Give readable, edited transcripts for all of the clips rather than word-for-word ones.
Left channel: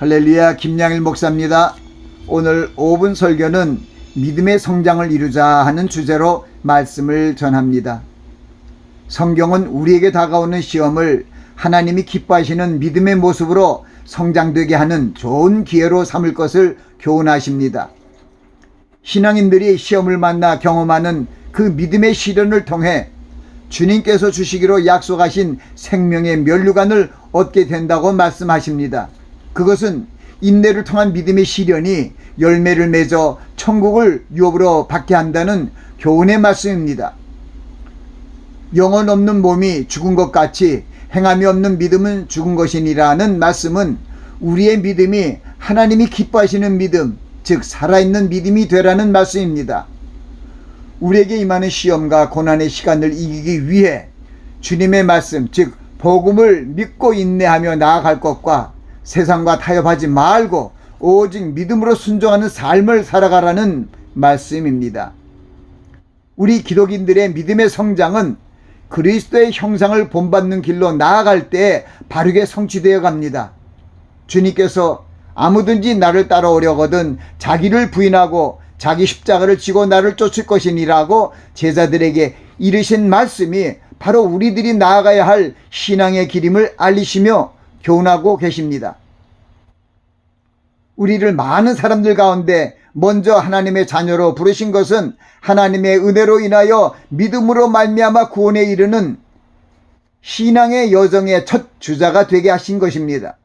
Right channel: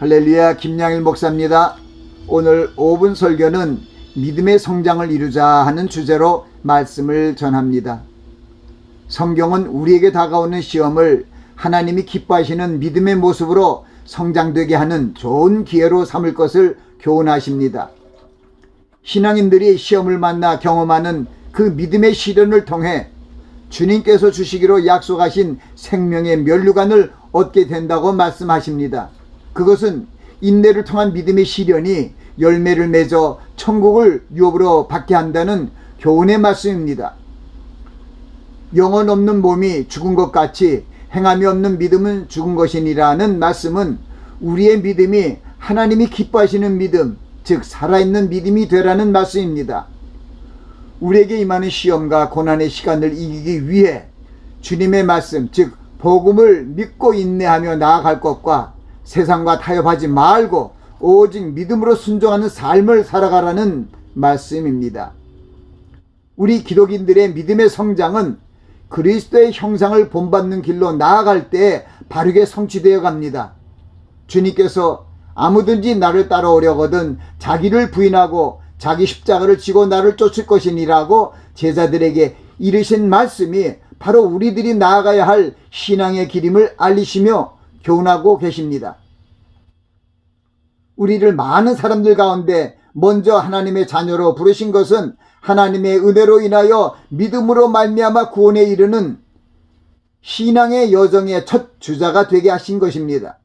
할렐루야, 김양일 목사입니다. 오늘 5분 설교는 믿음의 성장을 이루자 하는 주제로 말씀을 전합니다. 성경은 우리에게 다가오는 시험을 하나님이 기뻐하시는 믿음의 모습으로 성장되게 하는 좋은 기회로 삼을 것을 교훈하십니다. 신앙인들이 시험을 만나 경험하는 그 믿음의 시련을 통해 주님께서 주시기로 약속하신 생명의 면류관을 얻게 된다고 말씀하십니다. 그것은 인내를 통한 믿음의 시련이 열매를 맺어 천국을 유업으로 받게 한다는 교훈의 말씀입니다. 영혼 없는 몸이 죽은 것 같이 행함이 없는 믿음은 죽은 것이니라는 말씀은 우리의 믿음이 하나님이 기뻐하시는 믿음, 즉 살아있는 믿음이 되라는 말씀입니다. 우리에게 임하는 시험과 고난의 시간을 이기기 위해 주님의 말씀, 즉 복음을 믿고 인내하며 나아갈 것과 세상과 타협하지 말고 오직 믿음으로 순종하는 삶을 살아가라는 말씀입니다. 우리 기독인들의 믿음의 성장은 그리스도의 형상을 본받는 길로 나아갈 때 바르게 성취되어 갑니다. 주님께서 아무든지 나를 따라오려거든 자기를 부인하고 자기 십자가를 지고 나를 쫓을 것이니라고 제자들에게 이르신 말씀이 바로 우리들이 나아가야 할 신앙의 길임을 알리시며 교훈하고 계십니다. 우리를 많은 사람들 가운데 먼저 하나님의 자녀로 부르신 것은 하나님의 은혜로 인하여 믿음으로 말미암아 구원에 이르는 신앙의 여정의 첫 주자가 되게 하신 것입니다.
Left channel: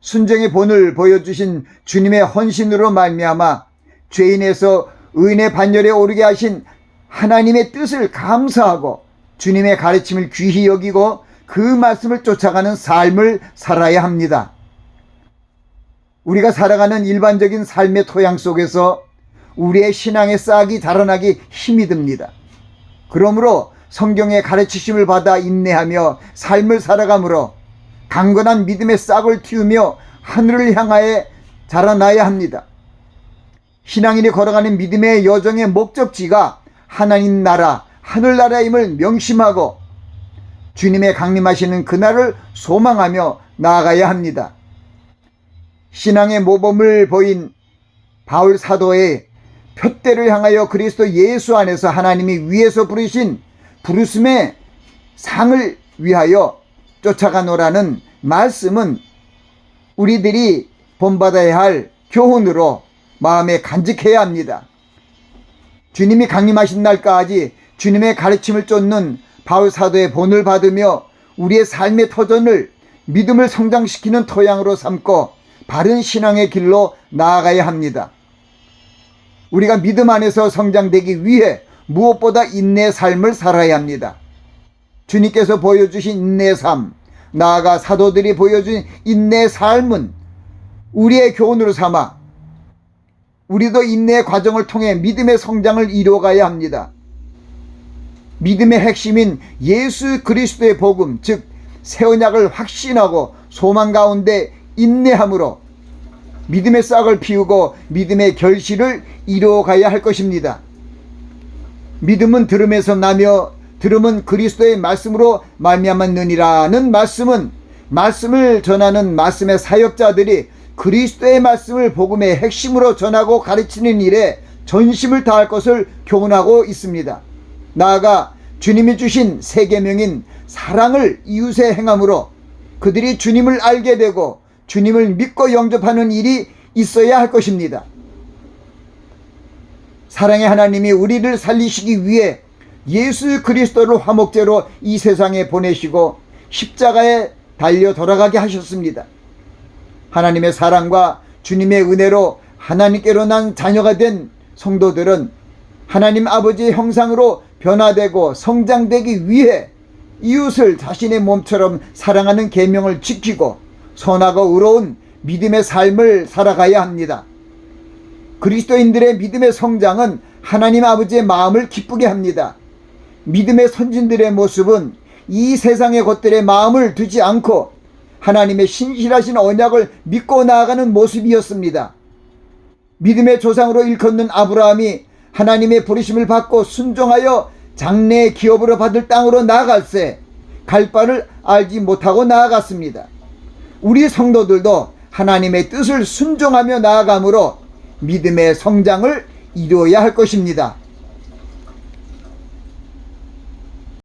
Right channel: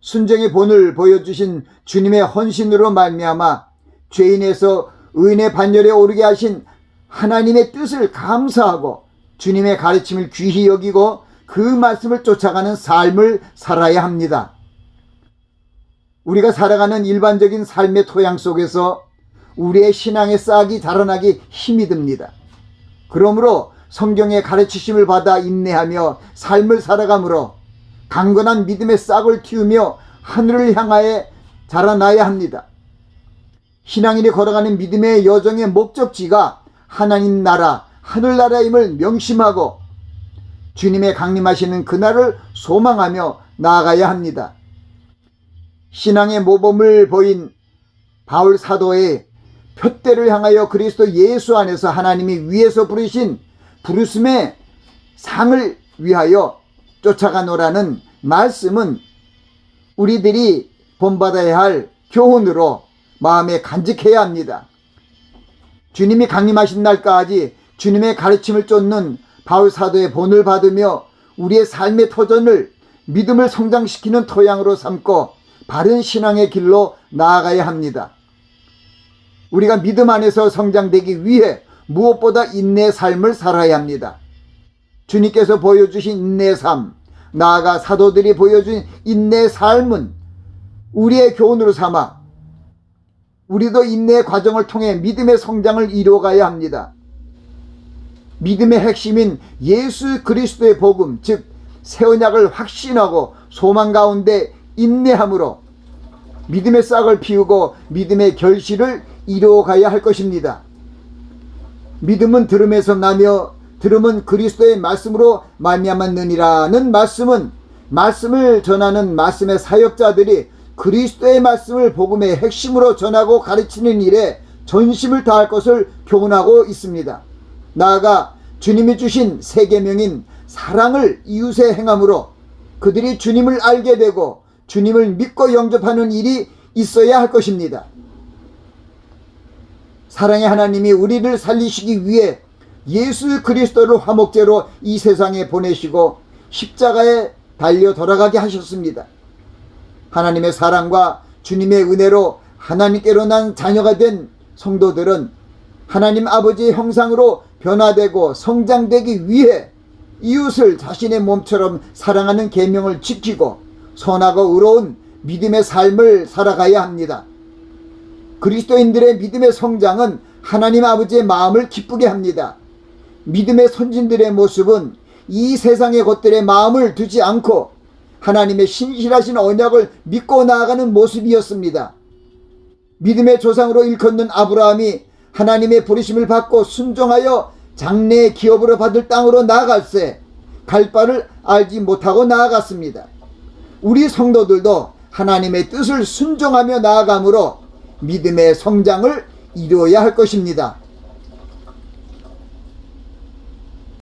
순종의 본을 보여주신 주님의 헌신으로 말미암아 죄인에서 의인의 반열에 오르게 하신 하나님의 뜻을 감사하고 주님의 가르침을 귀히 여기고 그 말씀을 쫓아가는 삶을 살아야 합니다. 우리가 살아가는 일반적인 삶의 토양 속에서 우리의 신앙의 싹이 자라나기 힘이 듭니다. 그러므로 성경의 가르치심을 받아 인내하며 삶을 살아가므로 강건한 믿음의 싹을 틔우며 하늘을 향하여 자라나야 합니다. 신앙인이 걸어가는 믿음의 여정의 목적지가 하나님 나라, 하늘나라임을 명심하고 주님의 강림하시는 그날을 소망하며 나아가야 합니다. 신앙의 모범을 보인 바울 사도의 표대를 향하여 그리스도 예수 안에서 하나님이 위에서 부르신 부르심의 상을 위하여 쫓아가노라는 말씀은 우리들이 본받아야 할 교훈으로 마음에 간직해야 합니다. 주님이 강림하신 날까지 주님의 가르침을 쫓는 바울 사도의 본을 받으며 우리의 삶의 터전을 믿음을 성장시키는 토양으로 삼고 바른 신앙의 길로 나아가야 합니다. 우리가 믿음 안에서 성장되기 위해 무엇보다 인내의 삶을 살아야 합니다. 주님께서 보여주신 인내의 삶, 나아가 사도들이 보여준 인내의 삶은 우리의 교훈으로 삼아 우리도 인내의 과정을 통해 믿음의 성장을 이루어가야 합니다. 믿음의 핵심인 예수 그리스도의 복음, 즉 새 언약을 확신하고 소망 가운데 인내함으로 믿음의 싹을 피우고 믿음의 결실을 이루어가야 할 것입니다. 믿음은 들음에서 나며 들음은 그리스도의 말씀으로 말미암았느니라는 말씀은 말씀을 전하는 말씀의 사역자들이 그리스도의 말씀을 복음의 핵심으로 전하고 가르치는 일에 전심을 다할 것을 교훈하고 있습니다. 나아가 주님이 주신 새 계명인 사랑을 이웃에 행함으로 그들이 주님을 알게 되고 주님을 믿고 영접하는 일이 있어야 할 것입니다. 사랑의 하나님이 우리를 살리시기 위해 예수 그리스도를 화목제로 이 세상에 보내시고 십자가에 달려 돌아가게 하셨습니다. 하나님의 사랑과 주님의 은혜로 하나님께로 난 자녀가 된 성도들은 하나님 아버지의 형상으로 변화되고 성장되기 위해 이웃을 자신의 몸처럼 사랑하는 계명을 지키고 선하고 의로운 믿음의 삶을 살아가야 합니다. 그리스도인들의 믿음의 성장은 하나님 아버지의 마음을 기쁘게 합니다. 믿음의 선진들의 모습은 이 세상의 것들에 마음을 두지 않고 하나님의 신실하신 언약을 믿고 나아가는 모습이었습니다. 믿음의 조상으로 일컫는 아브라함이 하나님의 부르심을 받고 순종하여 장래의 기업으로 받을 땅으로 나아갈새 갈 바를 알지 못하고 나아갔습니다. 우리 성도들도 하나님의 뜻을 순종하며 나아감으로 믿음의 성장을 이루어야 할 것입니다.